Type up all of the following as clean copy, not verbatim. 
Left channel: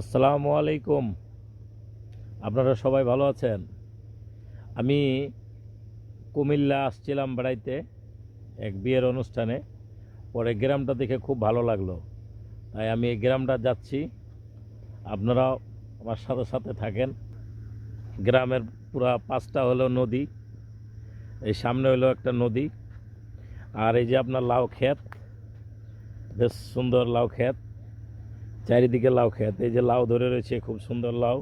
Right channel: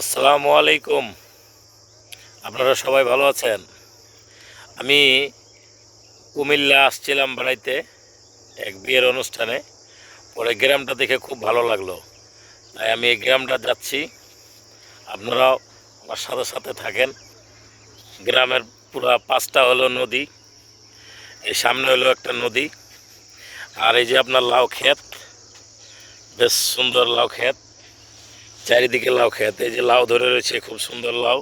আসসালামু আলাইকুম। আপনারা সবাই ভালো আছেন? আমি কুমিল্লা আসছিলাম বেড়াইতে এক বিয়ের অনুষ্ঠানে। পরে গ্রামটা দেখে খুব ভালো লাগলো, তাই আমি এই গ্রামটা যাচ্ছি। আপনারাও আমার সাথে সাথে থাকেন। গ্রামের পুরা 5টা হলো নদী, এই সামনে হলো একটা নদী, আর এই যে আপনার লাউ ক্ষেত, বেশ সুন্দর লাউ ক্ষেত, চারিদিকে লাউ ক্ষেত। এই যে লাউ ধরে রয়েছে, খুব সুন্দর লাউ,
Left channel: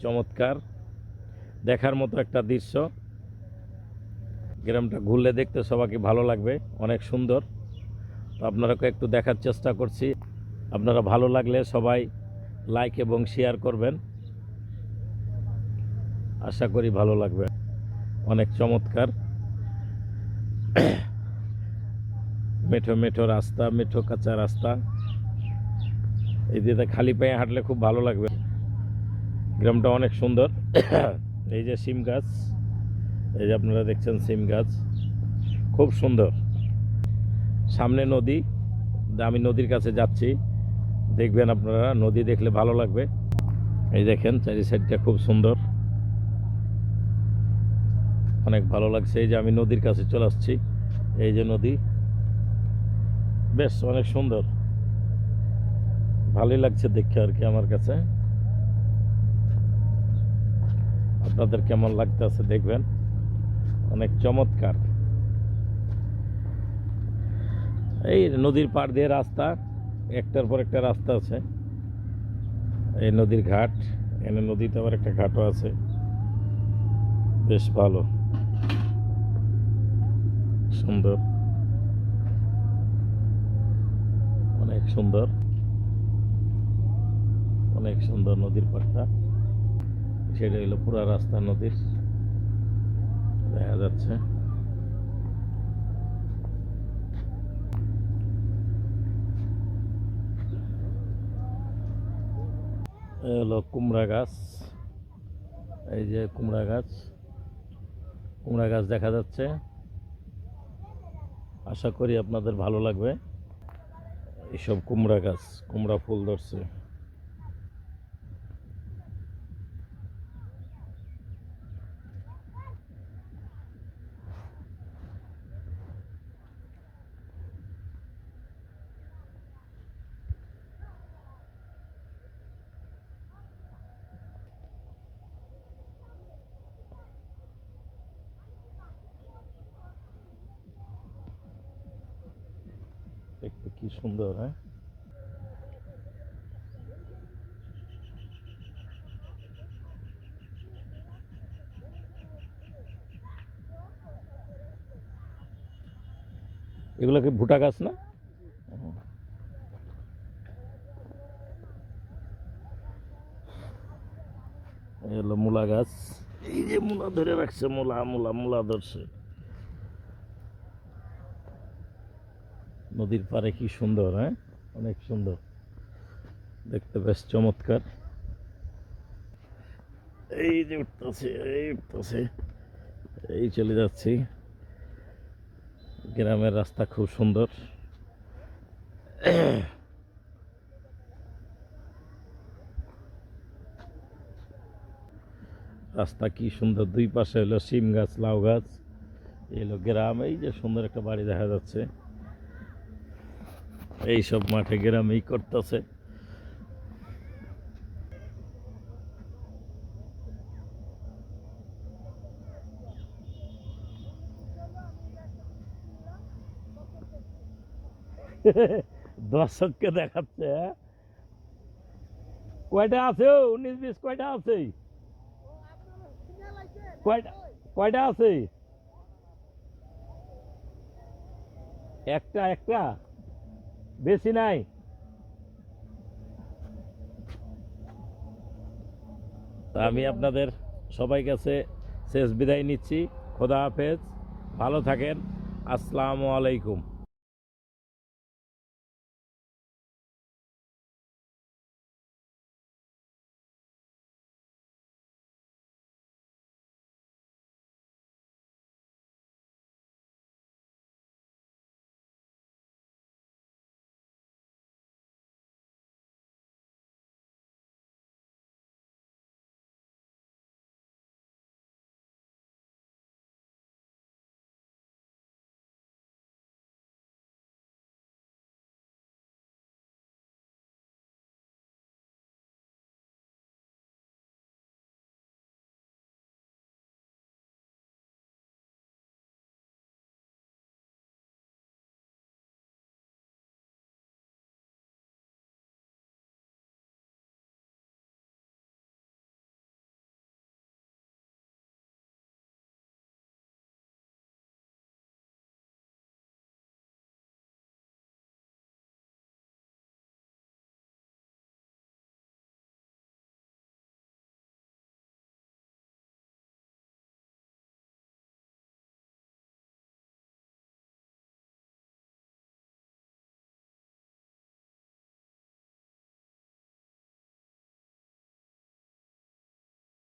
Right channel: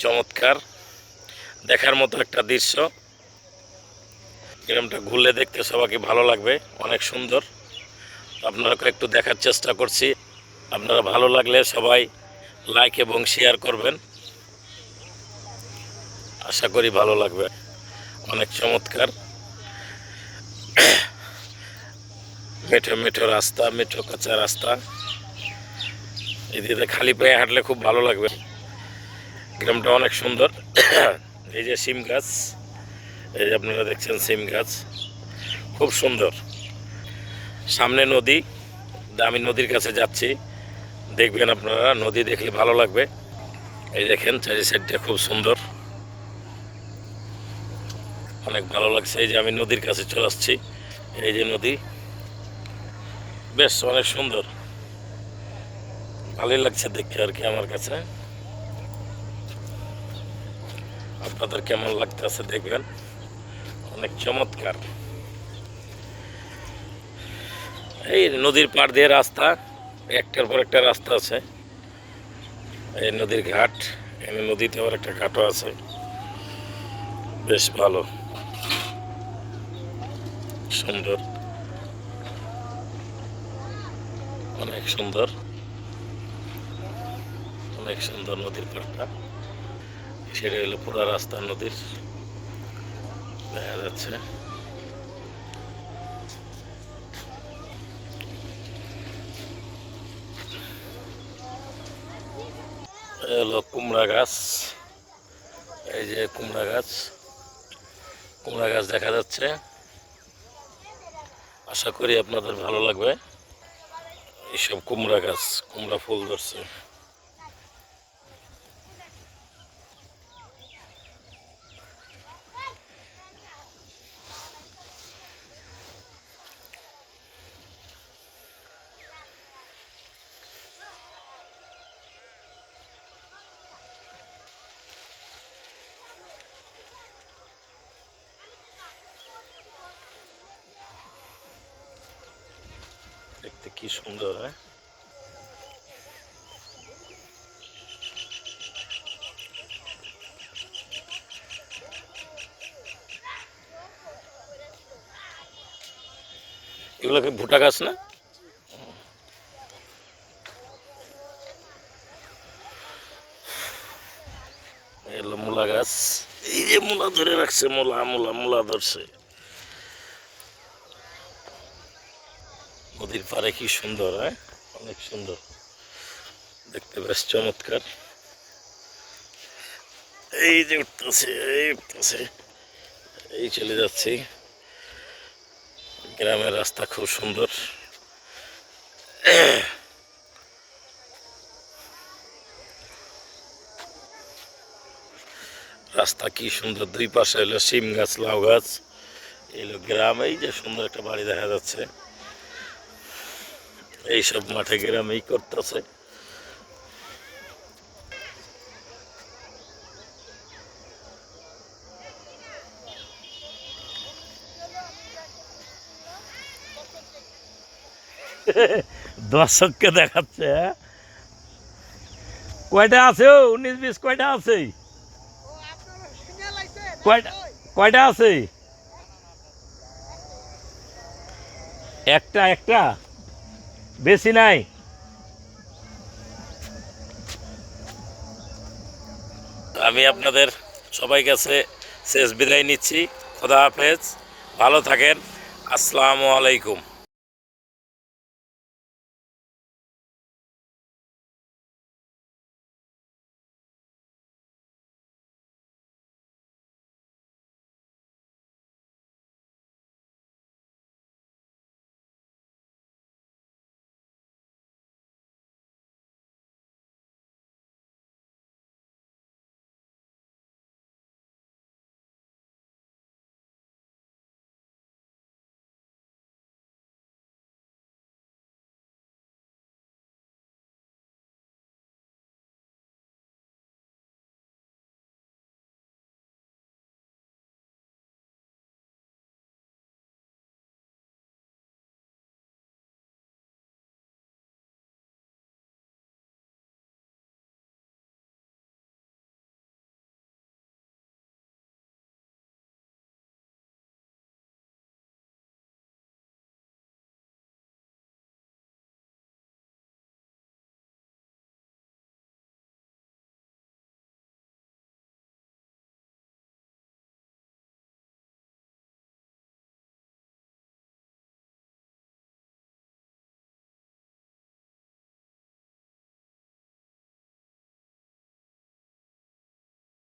চমৎকার দেখার মতো একটা দৃশ্য। গ্রামটা ঘুরলে দেখতে সবাইকে ভালো লাগবে, অনেক সুন্দর। আপনারাকে একটু দেখার চেষ্টা করছি। আপনারা ভালো লাগলে সবাই লাইক এবং শেয়ার করবেন, আশা করি ভালো লাগবে। অনেক চমৎকার, মেঠো মেঠো রাস্তা, মেঠো কাঁচা রাস্তা। এদিকে খালি পায়ে হাঁটলে খুব ভালো লাগবে। গ্রামটা অনেক সুন্দর। এই যে সিম গাছ, এই যে আপনারা দেখছেন সিম গাছ, খুব সুন্দর। সামনে নদী, আমি নদীর কাছে যাচ্ছি, দেখবেন আপনারা। নদী দেখলে ভালো লাগবে। এই দেখেন চারি সাইডটা খুব সুন্দর, অনেক ভালো লাগছে। এই যে আমি নদীর কাছে চলে আসছি, এই যে নদী, বেশ অনেক সুন্দর, ভালোই লাগছে দেখতে আর কি আমার কাছে। আপনাদের কেমন লাগতেছে দেখবেন, অনেক চমৎকার। এই নদীর পাড় দিয়ে রাস্তা, একটার পর একটা রাস্তা আছে। এই নদীর ঘাট, এখানে নদীতে আবার একটা ঘাটও আছে, বেশ ভালো, সুন্দর, অনেক সুন্দর, অনেক সুন্দর নদীর পাড়টা। সেটা হলো পুরা রাস্তা নদীর, দেখা যাচ্ছে। হলো কুমড়া গাছ, এই যে কুমড়া গাছ, কুমড়া গাছ দেখা যাচ্ছে। আশা করি আপনাদের ভালো লাগবে। এইসব কুমড়া গাছ, কুমড়া ফুল ধরছে। দেখতে কি সুন্দর, হ্যাঁ? এগুলো কি ভুট্টা গাছ না? এগুলো মূলা গাছ, এই যে মূলা ধরে রাখছে, মূলা মূলা মূলা ধরছে। নদীর পাড়ে কি সুন্দর, হ্যাঁ? অনেক সুন্দর দেখতে, বেশ চমৎকার। এই যে উঠতেছে, এই উঠতেছে, এই চলে যাচ্ছি। গ্রামের রাস্তা খুব সুন্দর। রাস্তা কি সুন্দর, দুই পাশে হলো সিম গাছ, লাউ গাছ। এলো গ্রাম, এই যে সুন্দর একটা বাড়ি দেখা যাচ্ছে। এইসব মাঠে গ্রামেই করতেছে। দর্শককে দেখাচ্ছে, হ্যাঁ? কয়টা আছে? 19-20 কয়টা আছে? কয়টা কয়টা আছে? একটা একটা, বেশি নাই। আমি আপনাদের সবাই কাছে শেষ বিদায় নিচ্ছি। খোদা হাফেজ, ভালো থাকেন। আসসালামু আলাইকুম।